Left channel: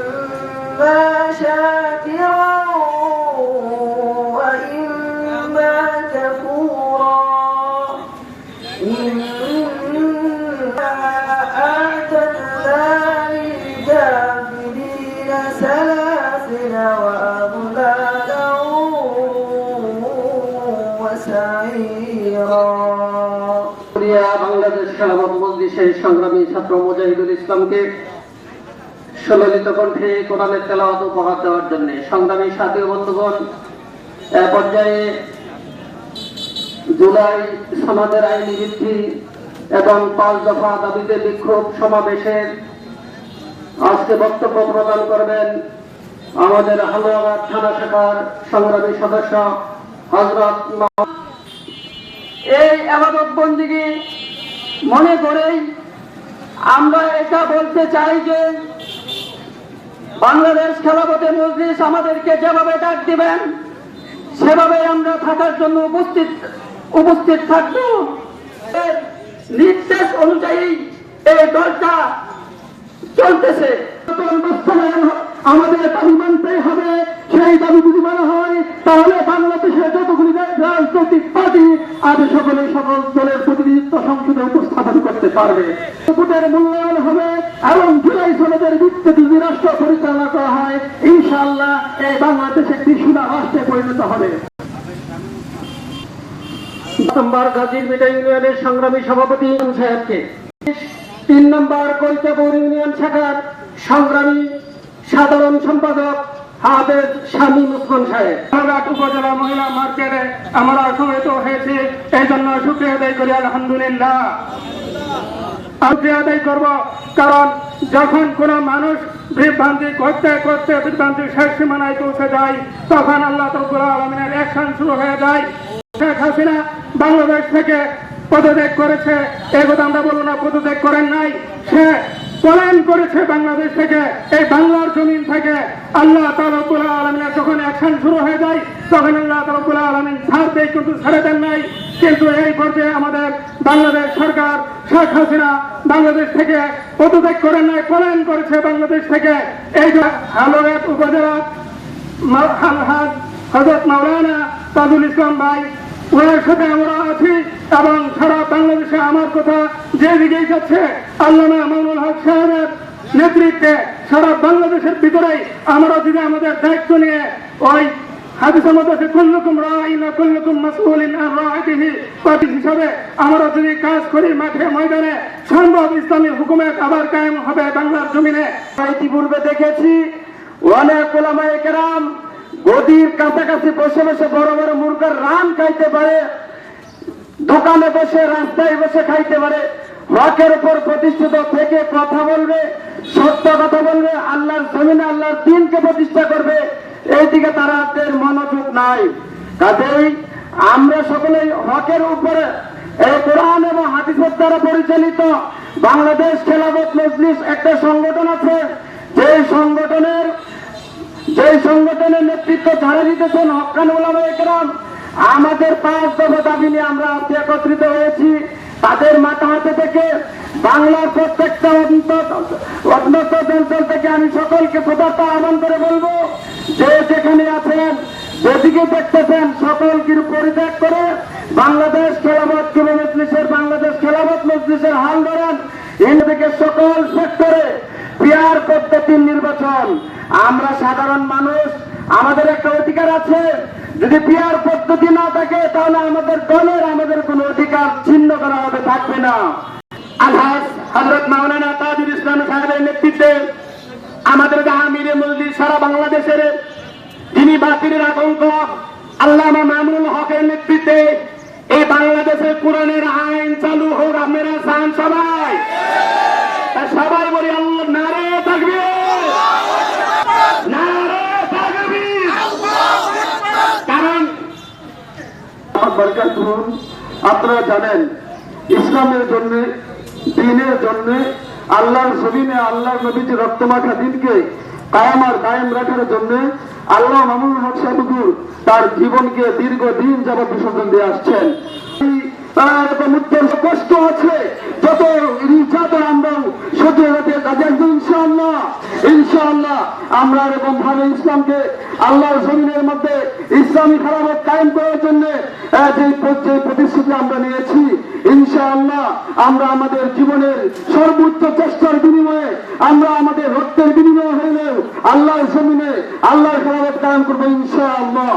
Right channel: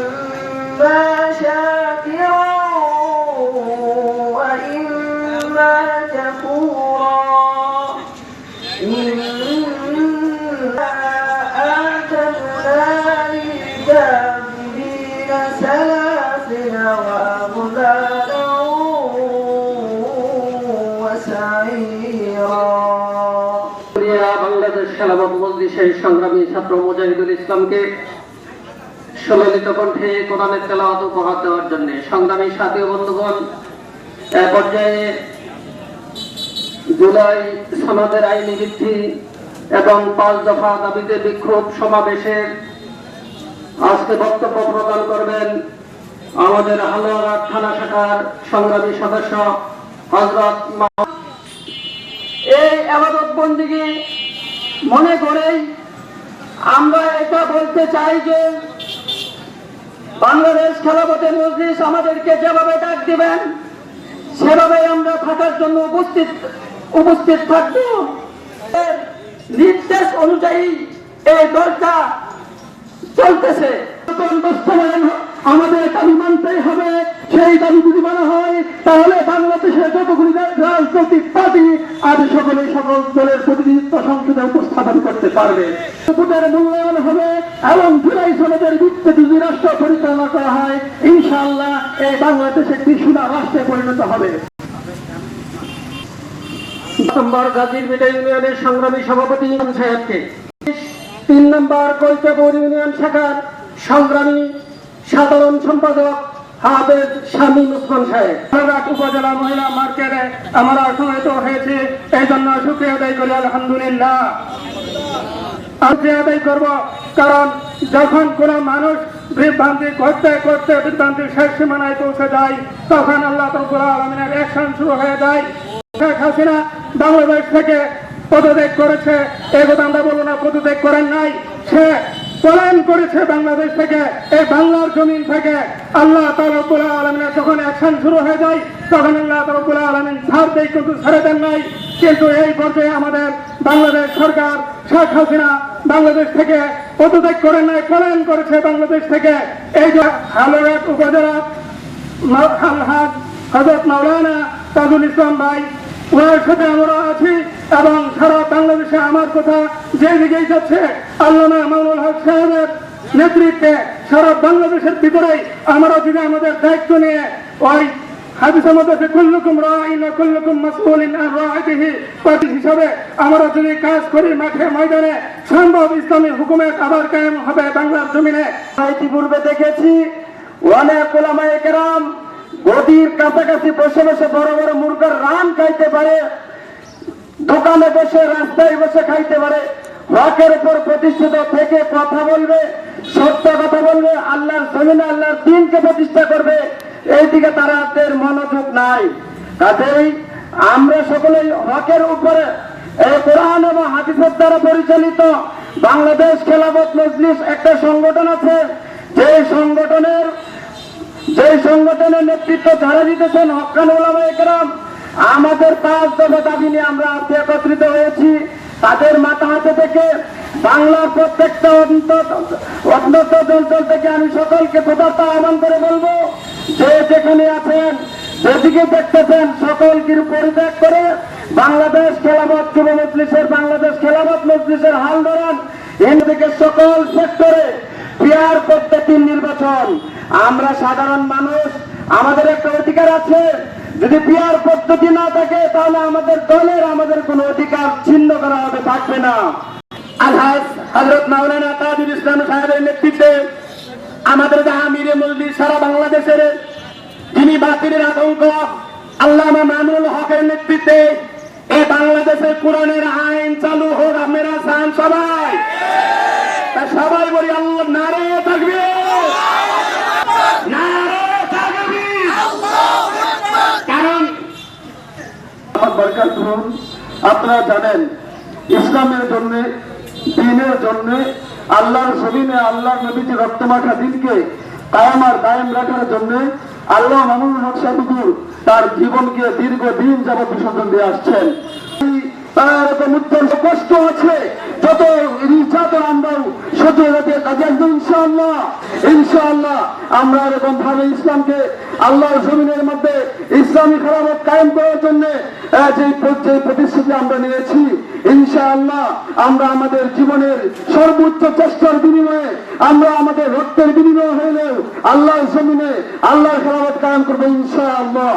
إما شاكرا وإما كفورا إنا أعتدنا للكافرين سلاسل وأغلالا وسعيرا শুক্রিয়া বাংলাদেশ খেলাফত মজলিসের সংগ্রামী ছাত্র মুজাহিদুল ইসলামকে সুললিত কণ্ঠে কোরআনের তেলাওয়াত উপহার দেওয়ার জন্য সংগ্রামী সাথী বন্ধুগণ, এ পর্যায়ে জুলাই সমাজের আইনি বৃদ্ধি এবং পাঁচ দফা দাবিতে বিক্ষোভ সমাবেশের আজকে বক্তব্য প্রদান করবেন আমাদের হালুয়াঘাট থানা শাখার সংগ্রামী সদস্য হজরত এই আবাদত বন্দিগি মনে করেই আমরা এটা বলতে চাই যে বাংলাদেশ খেলাপথে মজলিস আমাদেরকে যেভাবে ডাক দিবেন, সেভাবে আমরা থাকার জন্য উপস্থিত উপস্থিত থাকব। নির্দেশ অনুযায়ী এই দলটা চলতেছে। আমাদের দাবি মানতেই হবে, সেই দাবি যদি মানা হয়, তাহলে বাংলাদেশের যতগুলি রাজনৈতিক পার্টি আজ সকলে সকল দলের প্রতিনিধিত্ব সংসদে উপস্থাপন করতে পারবে। ভোটের মূল্যায়ন হবে এবং জুলাই সনদের ভিত্তিতে রাষ্ট্র পরিচালনা করা হয় ইনশাআল্লাহ এই বাংলাদেশ একটি রাষ্ট্রে পরিণত হবে। নম্বর গাজীর বিটা ইউনিয়নের সংগ্রামী সভাপতি সাহেবকে তিন নম্বর কৈচাপুর ইউনিয়ন শাখার সংগ্রামী সাধারণ সম্পাদক হাফেজ স্বামী মুসমান সাহেব। ধন্যবাদ উপজেলা মহিলা মার্কেটে আমরা সমবেত হয়েছে এই জন্য সুক্রিয়া আদায় করি আলহামদুলিল্লাহ। আদায় করব কারণ যখন কোনো মানুষ বিভ্রান্তি করতে করতে বিভ্রান্তির শেষ সীমানায় পৌঁছে যায়, তখন আল্লাহ তবুল আলমিনের অ্যাকশন শুরু হয়ে যায়। শেখ হাসিনা বাংলাদেশ থেকে পদত্যাগ করেছে। এ কথা আমরা বলব না, পদত্যাগ করেন নাই। সে পলায়ন করেছে বাংলাদেশ থেকে, এই বাংলার জমিন থেকে। আল্লাহ তারবুল্লাহ আলমিনের যখন অ্যাকশন শুরু হয়ে যায়, তখন আল্লাহ তারবুল্লাহ আলমিন ছাড় দেয়, কিন্তু ছেড়ে দেন নাই। কিন্তু এই পর্যায়ে আমাদের বাংলাদেশ সরকার, শেখ হাসিনা বাংলাদেশ থেকে পদত্যাগ করেন নাই, পলায়ন করেছে বাংলাদেশ থেকে। এই যে হালুয়াট উপজেলা হজরত মাওলানা তাজুল ইসলাম ভাই ওনার সাথে আমরা আছি এবং সারা বাংলাদেশে আমার কথা যে দিকেই যাচ্ছে, আল্লামা মামুল হক সাহেবের নেতৃত্বে সারা বাংলাদেশের ভিতরেই আমরা যদি আমাদের দায়িত্ব নিয়ে ওই হাদিসের মধ্যে আছে, কুল্লুকুম রাইনা কুল্লুকুম মাসউলিন আন রাইতিহি। পার্টি হিসাবে আমরা যদি কাজ করি মাঠে ময়দানে সম্ভব ইসলামী হুকুমের আবার কায়েম হবে বাংলার জমিনে। ইতিপূর্বে দেখেছি অনেক ওলামায়ে কেরাম গদির কাছাকাছি বসে বসে বড় বড় মুরগার রান খাইতে পারে দোকানে বসে রাস্তায় বসে খাইতে পারে। হকের উপর প্রতিষ্ঠিত থেকে কথা বলবে সত্য কথা বলবে আল্লাহর জমিনে আল্লাহর দিনকে প্রতিষ্ঠা করবে। এই দিকে তাদের মনোযোগ নাই। কাজেই আমরা সকলেই হকের উপরে এই কোরআন এবং হাদিসের দ্বারা পরিচালিত বাংলাদেশ খেলাফত মজলিস একটা সংগঠন আছে। যে সংগঠনের যে সংগঠনের নেতৃত্ব যারা দিতেছেন হকান ওলামা একরাম, আমাদের পাঁচ দফা দাবি নিয়ে আমরা আজকে একত্রিত হয়েছি। তাদের মাথা হাতে থেকে বাংলার প্রত্যেকটা অন্তত অন্তত অঞ্চল থেকে আমি সকলকে পদার্থ আহ্বান করে বলব যে যেখানে আছেন, যেদিকে দেখতেছেন, সকলকে পরিত্যাগ করে বাংলাদেশ যুব মজলিসের বাংলাদেশ খেলাবাদ মজলিসের হাল ধরেন। থেকে সকল সেক্টরে পিয়ার পদ্ধতির নির্বাচন। আমরা সাধারণ মানুষ, আমাদের একটা অধিকার আছে। যদি পিয়ার পদ্ধতি না থাকে, তাহলে আমাদের দলের, আমাদের কোনো অধিকার ছিন্ন করা হবে, থাকবে না। আলহাজ হজরত মাওলানা তাজুল ইসলাম সাহেবের নেতৃত্বে আমাদের আমিরে মসজিদ সারা বাংলাদেশের যিনি বাতিলের আতঙ্ক, আল্লামা মামুল হকের নেতৃত্বে এই বাংলাদেশের কোরআনের আইন চালু হোক, আপনারা চান সবাই। সবাই বলি, আল্লাহ নারে থাকবে। কারণ আপনারা জানেন, ইসলামের জন্য, দিনের জন্য আল্লাহর জমিনে আল্লাহর নবীজি রক্তমাখা দিনকে কায়েম আর কায়েম রাখার জন্য আল্লাহ মামুন হক সাহুদুর তার জীবনকে দীর্ঘ দিন যাবৎ বিসর্জন দিয়ে আসছেন। সহ্য হতে ইনশাআল্লাহ। আমরা এরকম জমিনের ইসলামী কায়েম করার যে প্রতিশ্রুতি আমরা নিয়েছি ইনশাআল্লাহ আমরা আমাদের জীবনের সর্বোচ্চ চেষ্টার বিনিময়ে, আমরা আমাদের রক্তের বিনিময় হইলেও আল্লাহর জমিনে আল্লাহর খেলাফত কায়েম করব ইনশাআল্লাহ।